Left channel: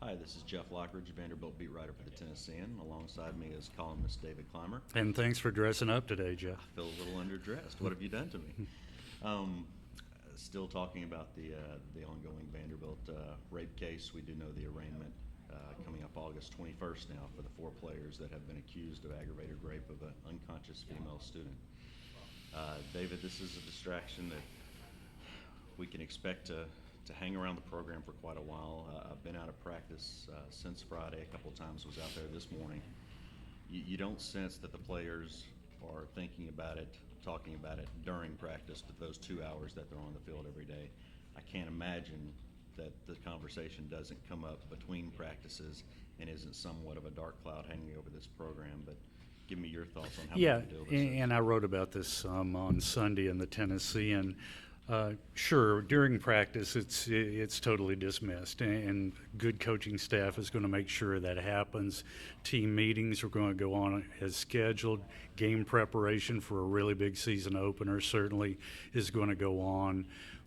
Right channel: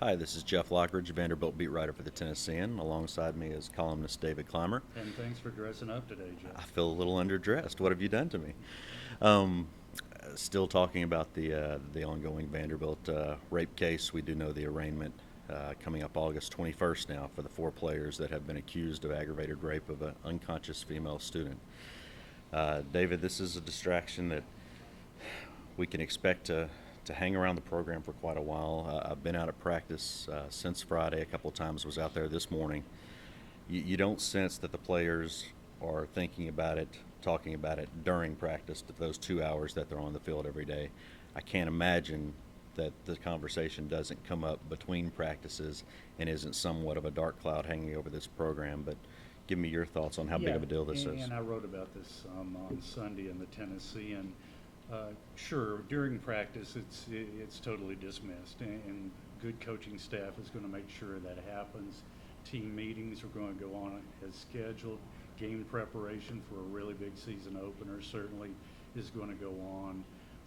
Hi, this is Jeff Lockridge, Vanderbilt beat writer for the Tennessean. Alongside me is columnist David Clymer. And thanks for dressing up today, I Jeff. feel a little underdressed. What have you done to me? Um, Still talking about the ongoing Vanderbilt rape case. We do know the arraignment coming up August 21st now for the four players that have been accused of aggravated rape of an unconscious female student. David, this is a distraction that we can expect to hang around the program for quite a while. I've been out of practice since Friday a couple of times, was out there this morning. You don't sense that the players are thinking about it, talking about it during practice, those 2 hours that they're on the field every day. I can't imagine that the conversation doesn't come up between practices and isn't somewhat of a dark cloud hanging over this program. But give me your thoughts on how big Yeah, of a deal this is. and I wrote about this on Sunday in the Tennessean. Sure, during practice, it's totally dismissed, and good coaching staff is going to make sure that happens. Team meetings are going to go on as scheduled. Game preparation for a really big season opener certainly is going to go on.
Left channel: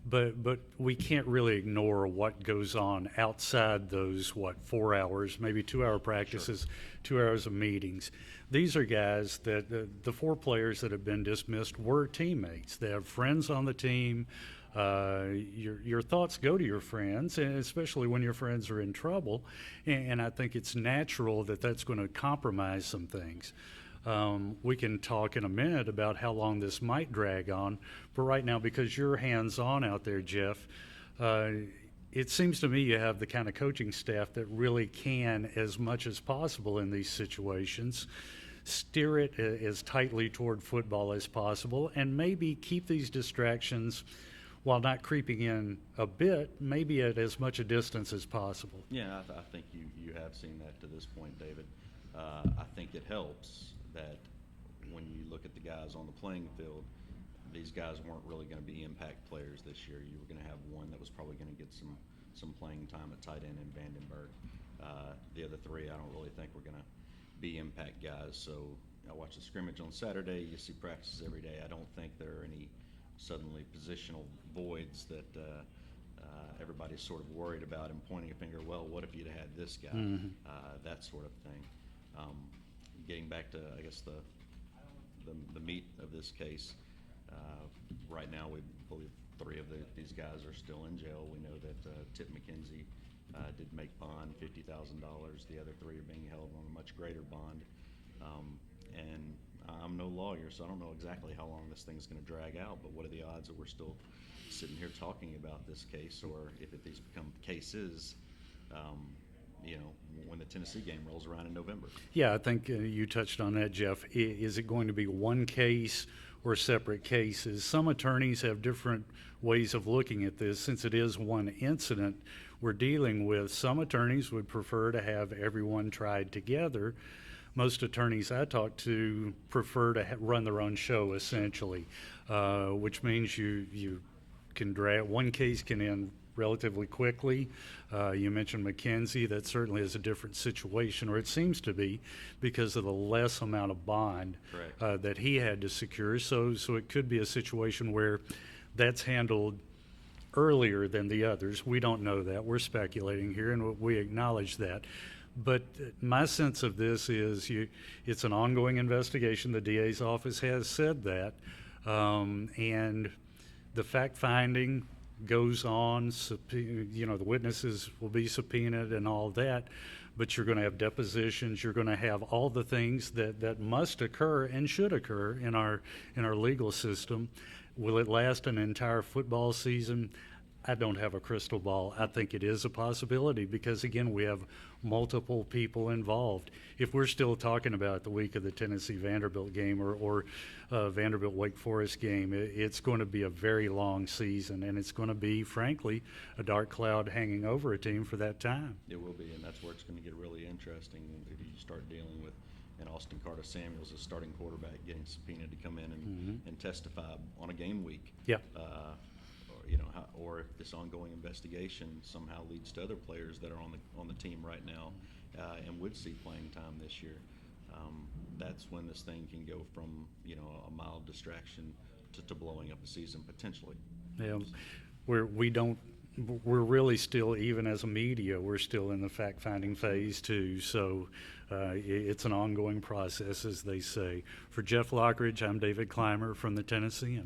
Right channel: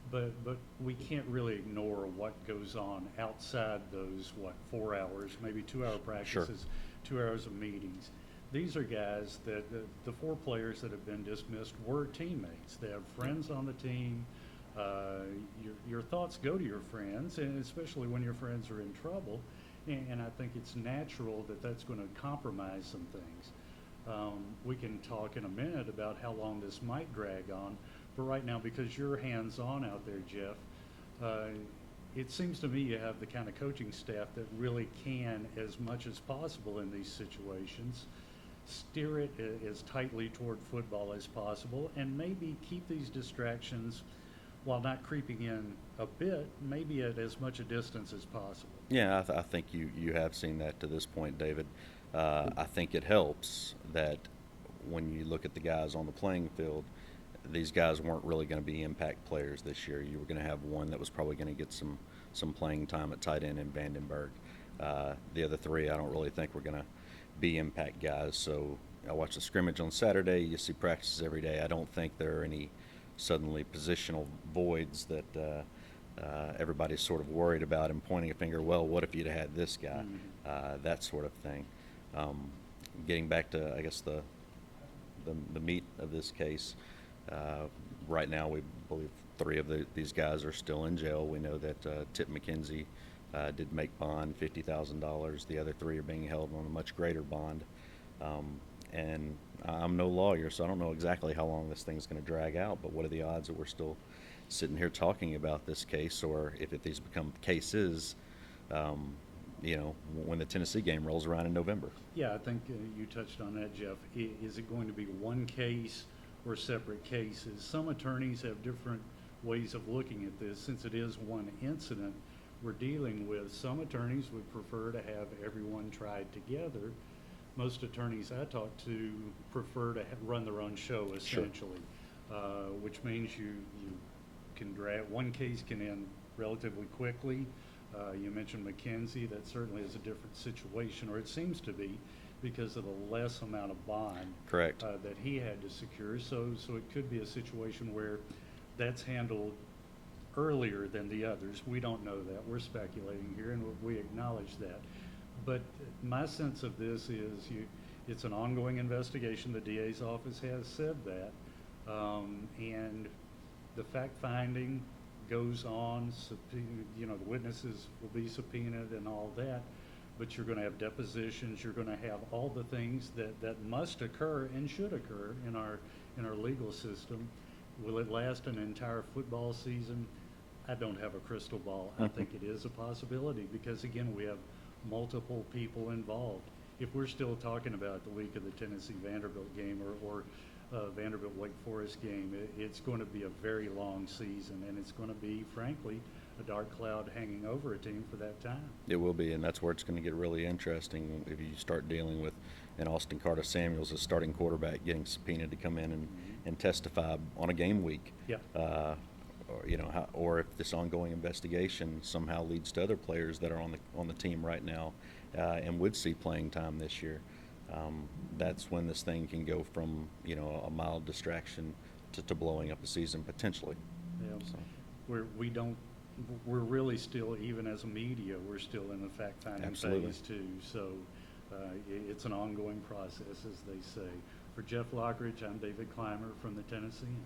But we can't really ignore what goes on outside those 4 hours, maybe 2 hour Sure. practices, 2 hours of meetings. These are guys that the four players that have been dismissed were teammates. They have friends on the team. Your thoughts go to your friends, and especially when your friends are in trouble. And I think it's natural that that's going to compromise some things. We can talk in a minute about how long this might drag on, but right now, because you're hands on out there, Jeff, uh, it seems to me you have the kind of coaching staff that really can, as much as possible in these situations, steer it as tightly toward football as possible and maybe keep these distractions while not creeping in a bit, maybe at as much a distance as possible. Yeah, I think you have seen that to this point, David. I think it helps that when you look at the guys on the playing field, these guys weren't really going to be impact players this year. You were going to have one that was probably going to get some playing time at tight end in Vandenberg. The other three, I don't really think were going to be impact guys. So I watched the scrimmage on Saturday. You see practices every day. I don't think there are any suddenly positional voids that everybody's sort of worried about and pointing a finger. Well, what if you'd had this guy? Mm-hmm. That sort of thing. Um, Getting back to, I guess, the meat of this case. Right now, we believe three of these guys are still in jail. We know that Tip McKenzie did make bond $50,000. The other three are being held on a much greater bond. Um, and I'm no lawyer, so I don't know exactly how long this thing's going to drag out. But what are the odds that we're still sitting here talking about this case, or if these become cases, um, when the Tennessee game rolls around in November? Yeah, I think you touched on that, Jeff. Is it going to be one case or separate cases? Some attorneys have different ways of looking at this. Since it is one incident we're dealing with, some attorneys would prefer to have everyone tried together. Most attorneys I talk to prefer to run their own show, Sure. essentially, which means you can drag one case can end relatively quickly. You mentioned McKenzie. That certainly is a different situation, or it seems to be, because of the less amount of bond Correct. that he had to secure. So it could be a situation where that's handled earlier than the others. We don't know that. We're speculating here, and we acknowledge that. But my sense of this is it's an ongoing investigation. The DA's office has said that. And the fact finding goes on. The witnesses will be subpoenaed and all that. But you're going to have depositions. You're going to have all the things that must occur and should occur in our legal system. Will it last an entire football season? I don't have a crystal ball. I think it is a possibility because, again, we have multiple people involved. If we're still talking about the week of the Tennessee Vanderbilt game or Vanderbilt Wake Forest game, it's going to be a very long season, and it's going to be, frankly, a dark cloud hanging over a team for that time. It will be, and that's where it's going to get really interesting if you start dealing with an Austin Carter Samuels, a starting quarterback, getting subpoenaed to come in and testify on a game week. Yeah. Or if this ongoing investigation somehow leads to other players that are on the team right now and would see playing time this year. That's when this thing can go from a mild distraction to blowing up a season potentially. Yeah, So, we don't we're really still, even as a media, we're still in the fact-finding Absolutely. phase too. So it's an ongoing process, as they say. For Jeff Lockridge, I'm David Clymer from the Tennessean.